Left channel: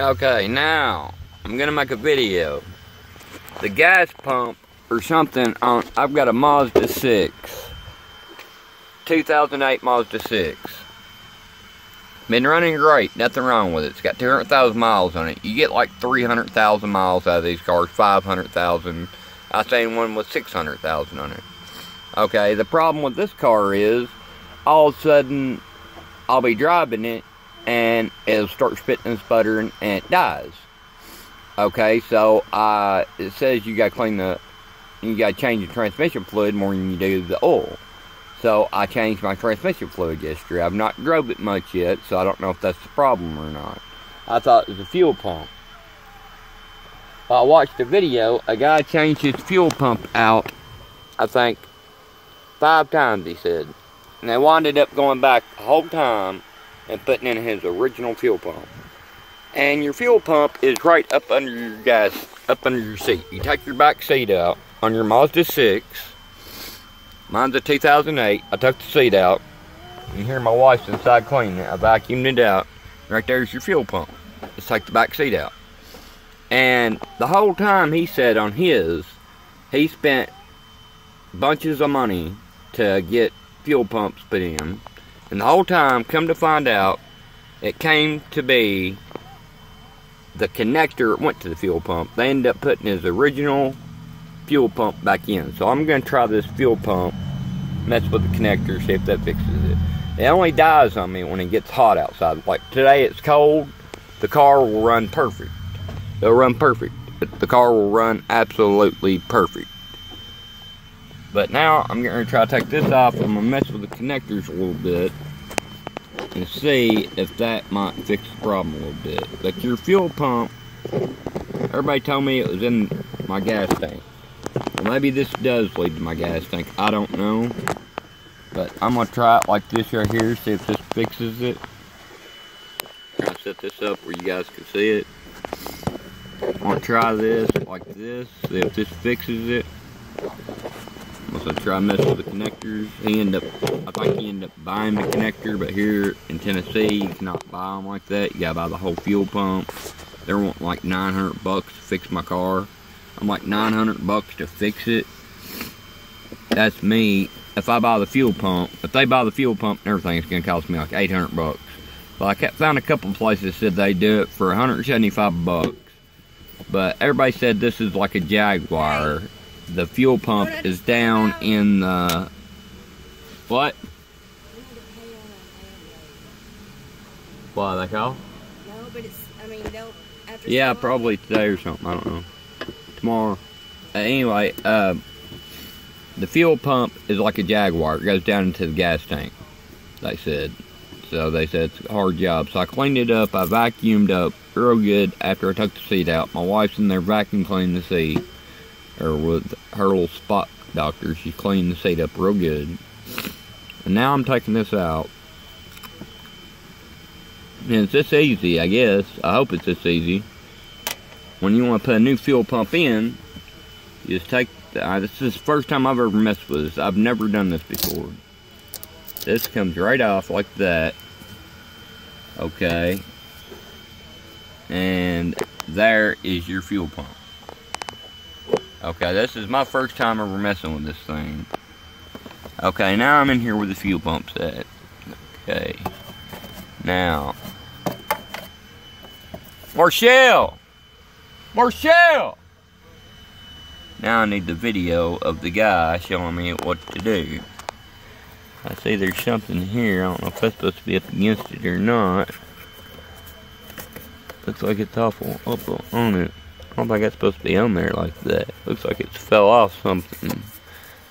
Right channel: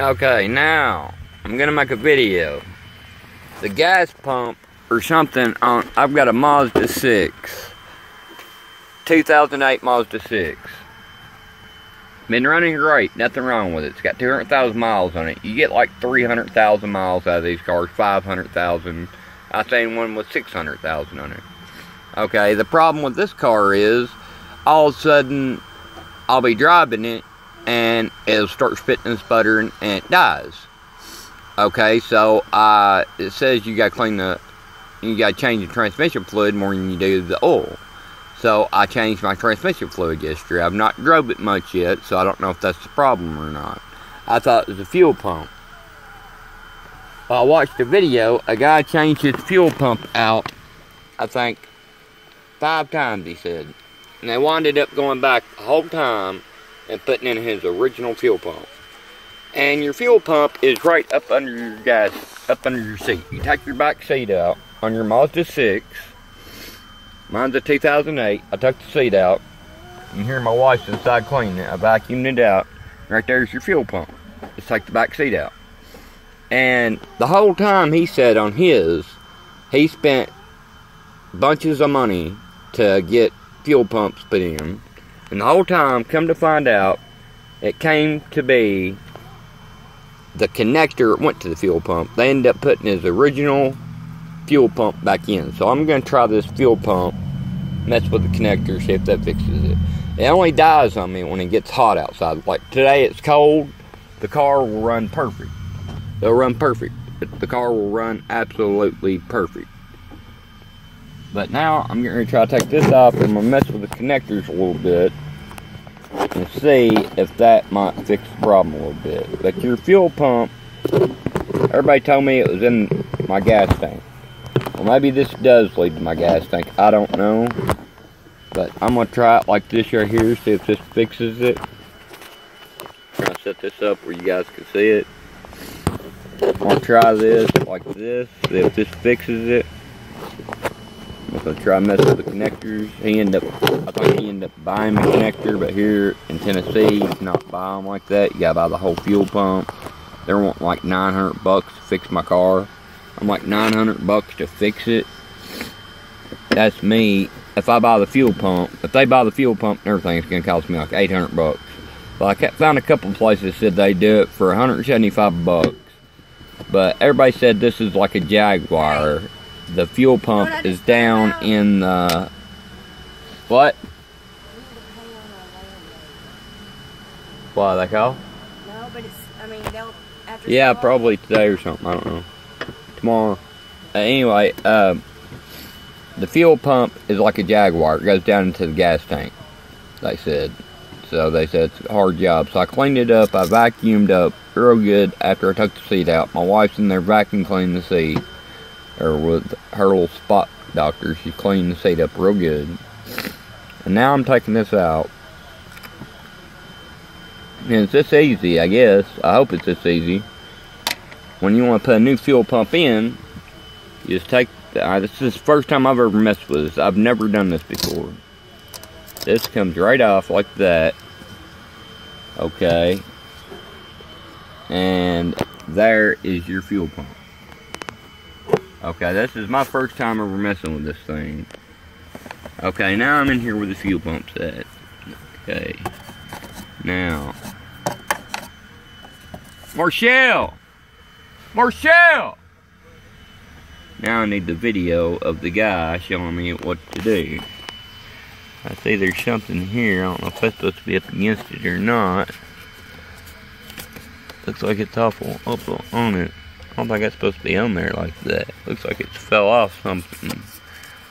Okay, now I'm gonna make a video. The gas pump or something on, I've got a Mazda 6. 2008 Mazda 6. Been running great, nothing wrong with it. It's got 200,000 miles on it. You get like 300,000 miles out of these cars, 500,000. I seen one with 600,000 on it. Okay, the problem with this car is, all of a sudden, I'll be driving it, and it'll start spitting and sputtering, and it dies. Okay, so it says you gotta you gotta change the transmission fluid more than you do the oil. So I changed my transmission fluid yesterday. I've not drove it much yet, so I don't know if that's the problem or not. I thought it was a fuel pump. I watched a video, a guy changed his fuel pump out, I think, 5 times, he said. And they winded up going back the whole time and putting in his original fuel pump. And your fuel pump is right up under your gas, up under your seat. You take your back seat out on your Mazda 6. Mine's a 2008. I took the seat out. You hear my wife's inside cleaning it. I vacuumed it out. Right there's your fuel pump. Let's take the back seat out. And the whole time he said on his, he spent bunches of money to get fuel pumps put in. And the whole time, come to find out, it came to be the connector went to the fuel pump. They ended up putting his original fuel pump back in. So I'm going to try this fuel pump, mess with the connector, see if that fixes it. It only dies on me when it gets hot outside. Like today it's cold, the car will run perfect. It'll run perfect. The car will run absolutely perfect. But now I'm going to try to take this off and I'm going to mess with the connectors a little bit and see if that might fix the problem a little bit. But your fuel pump, everybody told me it was in my gas tank. Well, maybe this does lead to my gas tank. I don't know. But I'm going to try it like this right here, see if this fixes it. I'm going to set this up where you guys can see it. I'm going to try this like this, see if this fixes it. I'm going to try messing with the connectors. I think he ended up buying the connector, but here in Tennessee, you cannot buy them like that. You got to buy the whole fuel pump. They're wanting like 900 bucks to fix my car. I'm like 900 bucks to fix it. That's me. If I buy the fuel pump, if they buy the fuel pump and everything, it's going to cost me like 800 bucks. Well, I found a couple of places that said they do it for 175 bucks. But everybody said this is like a Jaguar. The fuel pump is down in the... What? Why, they call? No, but it's, I mean, they'll... After yeah, probably today or something, I don't know. Tomorrow. Anyway, the fuel pump is like a Jaguar. It goes down into the gas tank, they said. So they said it's a hard job. So I cleaned it up. I vacuumed up real good after I took the seat out. My wife's in there vacuum cleaning the seat. Or with her little spot doctor. She cleaned the seat up real good. And now I'm taking this out. And it's this easy, I guess. I hope it's this easy. When you want to put a new fuel pump in, you just take this is the first time I've ever messed with this. I've never done this before. This comes right off like that. Okay. And there is your fuel pump. Okay, this is my first time ever messing with this thing. Okay, now I'm in here with the fuel pump set. Okay. Now. Marshall! Marshall! Now I need the video of the guy showing me what to do. I see there's something here. I don't know if that's supposed to be up against it or not. Looks like it's awful up on it. I don't think that's supposed to be on there like that. Looks like it fell off something.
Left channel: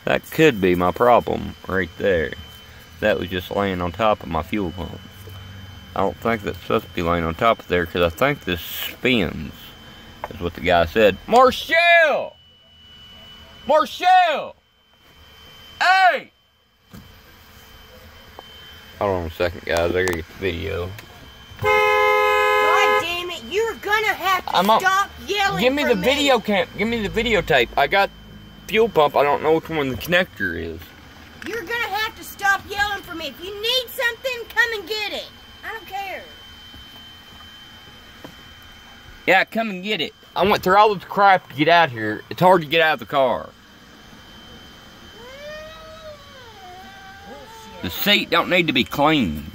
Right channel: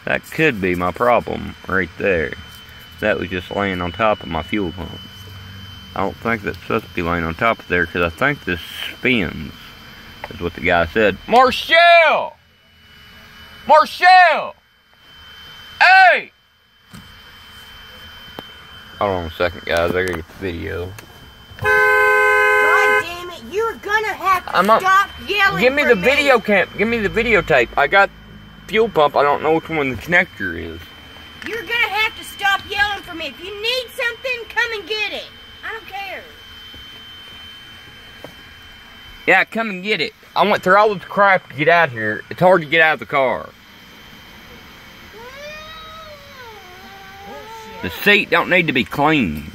That could be my problem right there. That was just laying on top of my fuel pump. I don't think that's supposed to be laying on top of there because I think this spins. That's what the guy said. Marshall! Marshall! Hey! Hold on a second, guys. I gotta get the video. God damn it! You're gonna have to stop yelling. Give me the video cam. Give me the videotape. I got fuel pump. I don't know which one the connector is. You're gonna have to stop yelling for me. If you need something, come and get it. I don't care. Yeah, come and get it. I went through all this crap to get out here. It's hard to get out of the car. The seat don't need to be cleaned.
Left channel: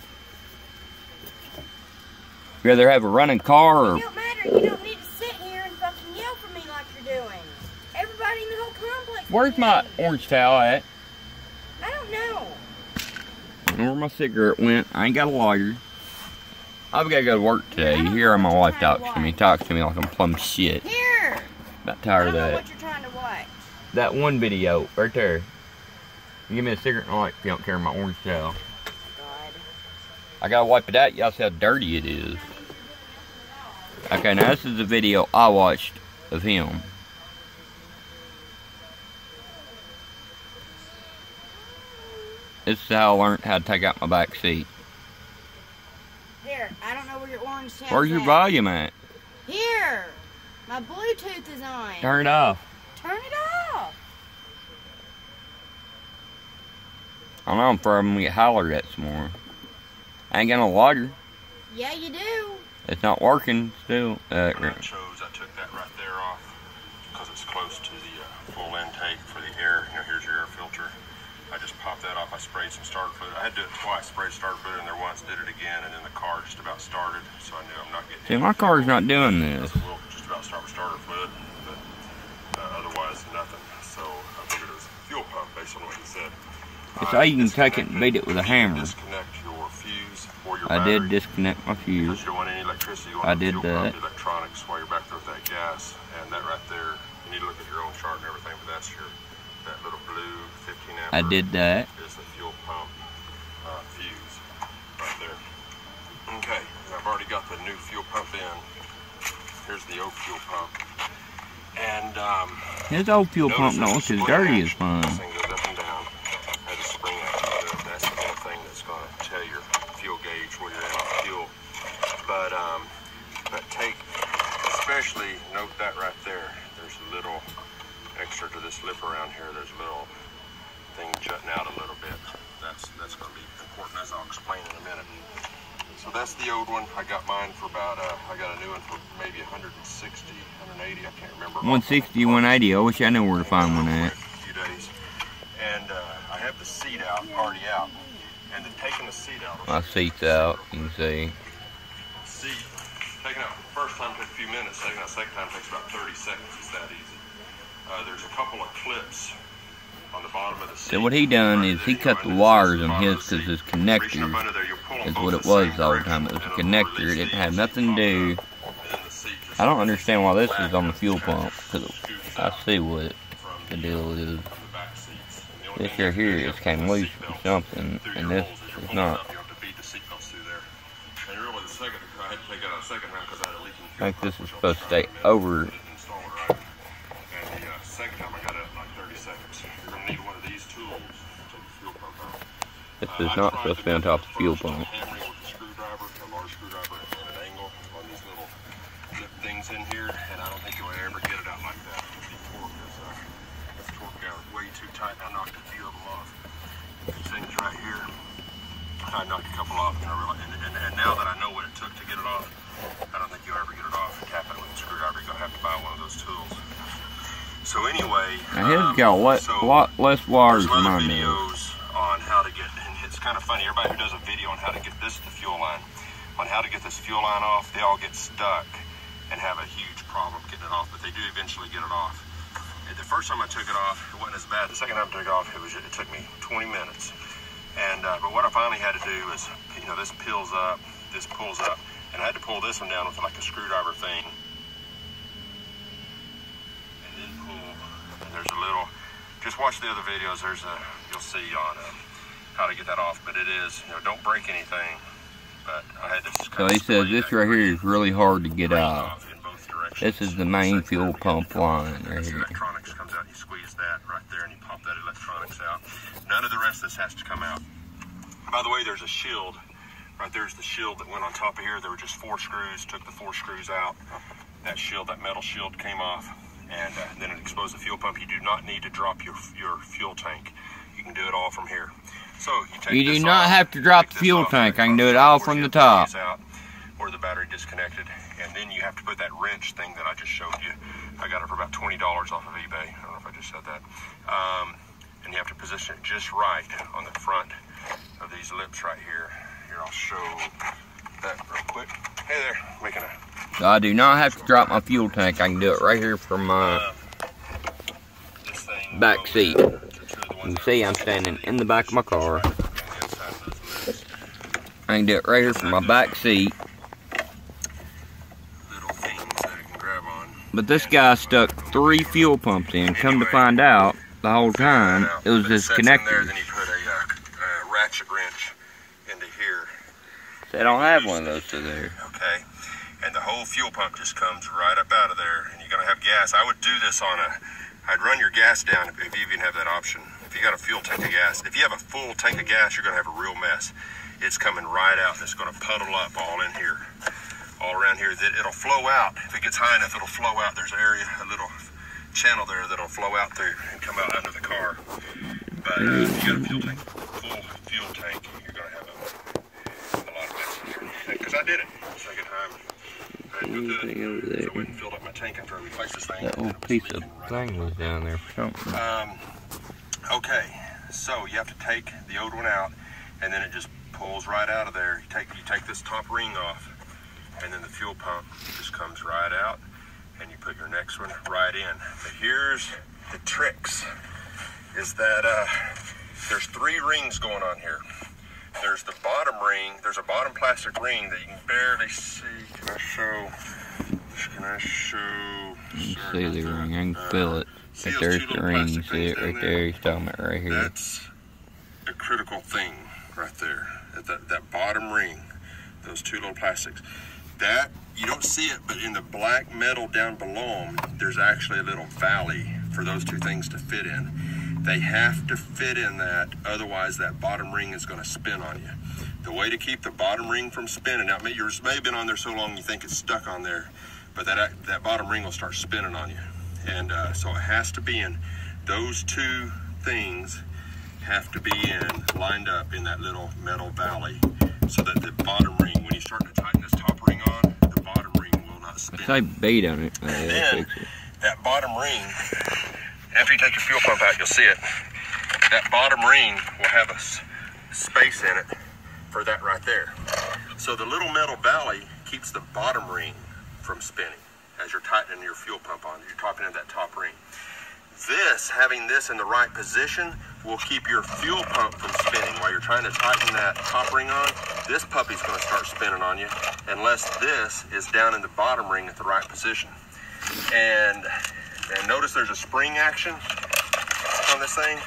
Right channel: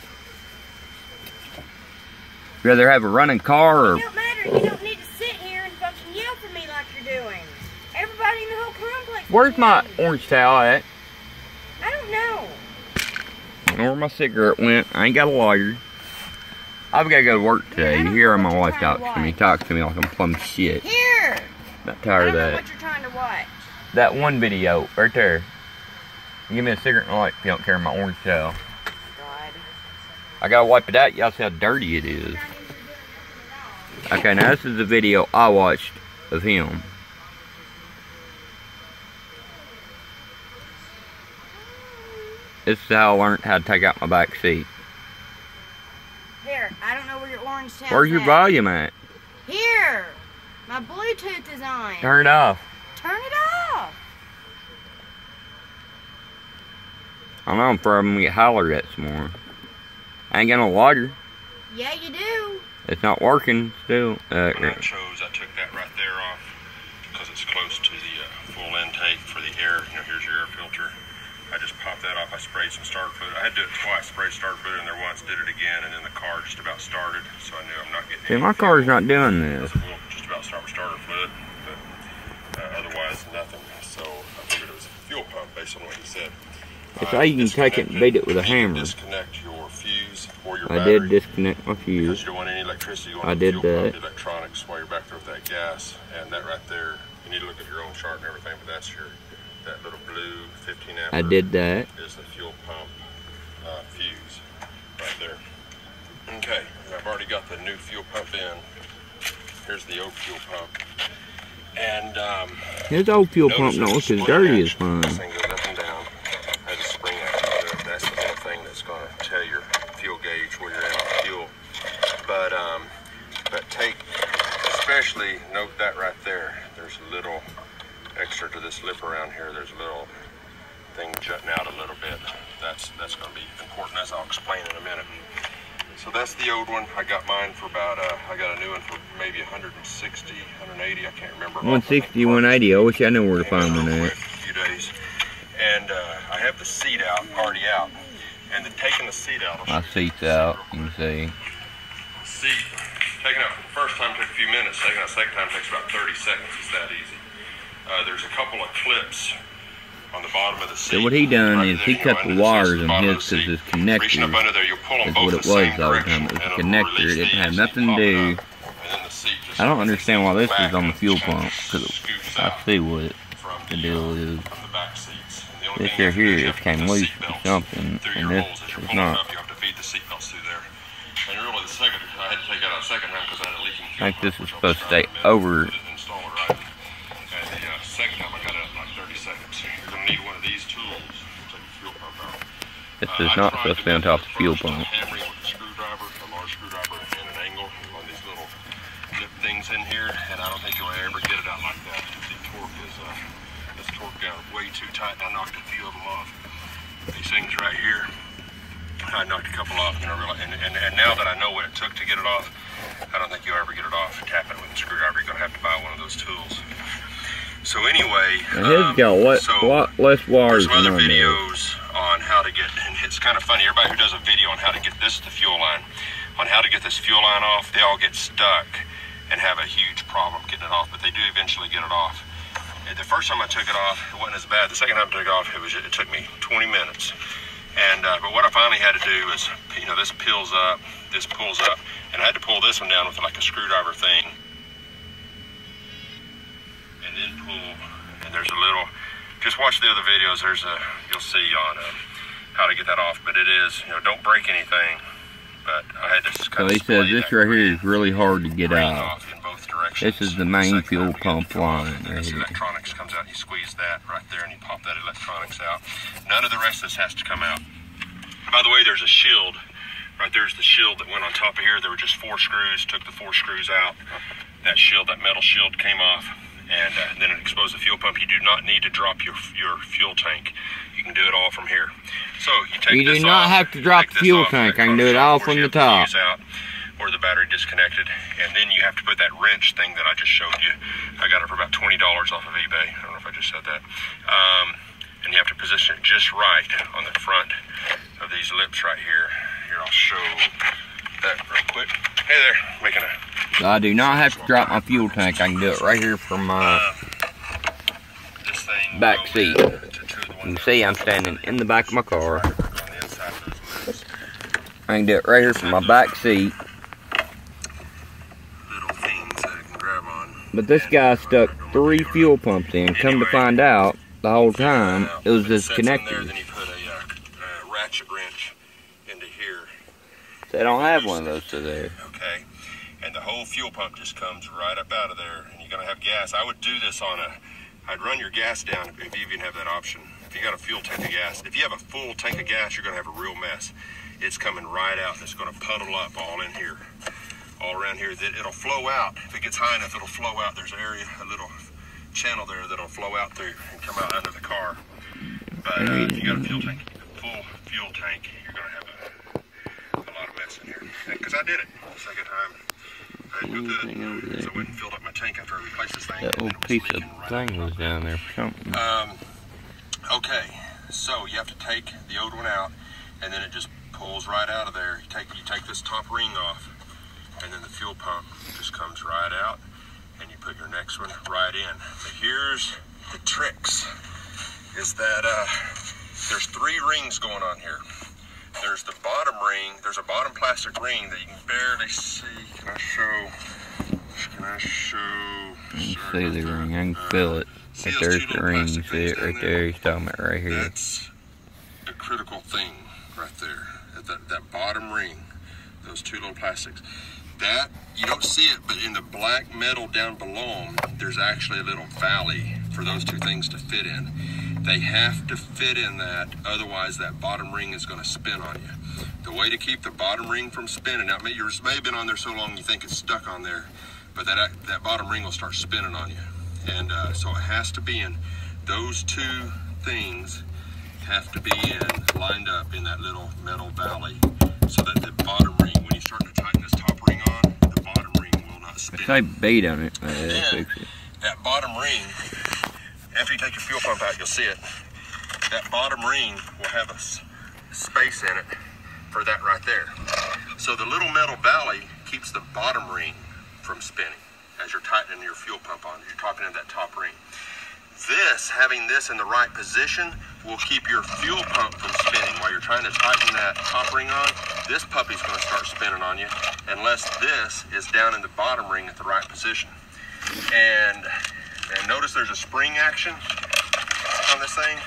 You rather have a running car or... It don't matter. You don't need to sit here and fucking yell for me like you're doing. Everybody in the whole complex... Where's my orange towel at? I don't know. I don't know where my cigarette went. I ain't got a lighter. I've got to go to work today. You hear how my wife talks to me. Talks to me like I'm plumb shit. Here! Not tired of that. I don't know what you're trying to watch. That one video right there. Give me a cigarette and light if you don't care my orange towel. God. I gotta wipe it out. Y'all see how dirty it is. Okay, now this is the video I watched of him. This is how I learned how to take out my back seat. Here, I don't know where your orange towel is. Where's your volume at? Here! My Bluetooth is on. Turn it off. Turn it off! I know I'm probably gonna get hollered at some more. I ain't got no water. Yeah, you do. It's not working still. When I took that right there off because it's close to the full intake for the air. You know, here's your air filter. I just popped that off. I sprayed some starter fluid. I had to do it twice. Sprayed starter fluid in there once, did it again, and then the car just about started. So I knew I'm not getting. See, my car's not doing this. We'll just about start with starter fluid, but otherwise nothing. So I figured it was a fuel pump based on what he said. It's how you can take it and beat it with a hammer. Disconnect your fuse or your I battery. did disconnect my fuse. Because you don't want any electricity going I did that. Electronics while you're back there with that gas. And that right there, you need to look at your own chart and everything, but that's your, that little blue 15 amp. I did that. Is the fuel pump fuse right there. Okay, I've already got the new fuel pump in. Here's the old fuel pump. And his old fuel pump don't look as dirty as mine. This thing goes up and down. I just spring that to it. That's the little thing that's going to tell your fuel gauge where you're at on fuel. But take, especially note that right there. There's a little extra to this lip around here. There's a little thing jutting out a little bit. That's going to be important, as I'll explain in a minute. So that's the old one. I got mine for about, I got a new one for maybe 160, 180, I can't remember. 160, 180, I wish I knew where to find one at. A few days. And I have the seat out, already out. And then taking the seat out. My seat's out, you can see. Seat, taking out the first time took a few minutes, taking out the second time takes about 30 seconds. It's that easy. There's a couple of clips on the bottom of the seat. So what he done is he cut the wires on his because his connector is what it was all the time. It was a connector. It didn't have nothing to do. I don't understand why this is on the fuel pump because I see what the deal is. This here it came loose or something, and this is not. I think this is supposed to stay over. This is not supposed to be on top of the fuel pump. Things in here, and I don't think you'll ever get it out like that. The torque is torqued down way too tight, and I knocked a few of them off. These things right here, I knocked a couple off, and now that I know what it took to get it off, I don't think you'll ever get it off. Tapping it with a screwdriver, you're gonna have to buy one of those tools. So anyway, his got a lot less wires than other mine videos on how to get, and it's kind of funny. Everybody who does a video on how to get this the fuel line, on how to get this fuel line off, they all get stuck and have a huge problem getting it off, but they do eventually get it off. And the first time I took it off, it wasn't as bad. The second time I took it off, it took me 20 minutes. And but what I finally had to do is, you know, this pulls up, and I had to pull this one down with like a screwdriver thing, and then pull. And there's a little. Just watch the other videos. You'll see on how to get that off. But it is, you know, don't break anything. But I had to. So he says this right here is really hard to get out. This is the main fuel pump line right here. Electronics comes out. You squeeze that right there, and you pop that electronics out. None of the rest of this has to come out. By the way, there's a shield. Right there's the shield that went on top of here. There were just 4 screws. Took the 4 screws out. That shield, that metal shield, came off. And then it exposed the fuel pump. You do not need to drop your fuel tank. You can do it all from here. So you take You do not have to drop the fuel tank. I can do it all from the top. or the battery disconnected, and then you have to put that wrench thing that I just showed you. I got it for about $20 off of eBay. I don't know if I just said that. And you have to position it just right on the front of these lips right here. Here, I'll show that real quick. Hey there, making a... So I do not have to drop my fuel tank. I can do it right here from my back seat. You can see I'm standing in the back of my car. I can do it right here from my back seat. But this guy stuck 3 fuel pumps in. Come to find out, the whole time, it was just connected. Then you put a ratchet wrench into here. So I don't have one of those to there. Okay. And the whole fuel pump just comes right up out of there. And you're going to have gas. I would do this on I'd run your gas down if you even have that option. If you got a fuel tank of gas. If you have a full tank of gas, you're going to have a real mess. It's coming right out. It's going to puddle up all in here. All around here. It'll flow out. If it gets high enough, it'll flow out. There's an area, a little channel there that'll flow out through and come out under the car. But if you got a fuel tank, full fuel tank, you're going to have a lot of mess in here. Because I did it the second time. I didn't go good. So I went and filled up my tank after I replaced this thing. That little piece of thing was down there for something. Okay, so you have to take the old one out, and then it just pulls right out of there. You take this top ring off, and then the fuel pump just comes right out, and you put your next one right in. But here's the tricks, is that there's 3 rings going on here. There's the bottom ring, there's a bottom plastic ring that you can barely see. Can I show? You can see the ring, I can feel it. Right there's the ring, you see it right there, he's talking about right here. That's the critical thing right there, that bottom ring, those 2 little plastics. That, you don't see it, but in the black metal down below them, there's actually a little valley for those 2 things to fit in. They have to fit in that, otherwise that bottom ring is going to spin on you. The way to keep the bottom ring from spinning, now yours may have been on there so long you think it's stuck on there, but that bottom ring will start spinning on you. And so it has to be in, those 2 things have to be lined up in that little metal valley, so that the bottom ring, when you start to tighten this top ring on, the bottom ring will not spin. If I bait on it, that'll fix it. That bottom ring, after you take your fuel pump out, you'll see it. That bottom ring will have a space in it for that right there. So the little metal valley keeps the bottom ring from spinning as you're tightening your fuel pump on. You're tightening that top ring. Having this in the right position will keep your fuel pump from spinning. While you're trying to tighten that top ring on, this puppy's going to start spinning on you unless this is down in the bottom ring at the right position. And notice there's a spring action on this thing.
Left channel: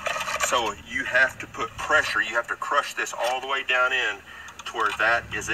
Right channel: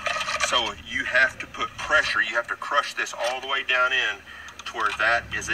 So you have to put pressure. You have to crush this all the way down in to where that is in.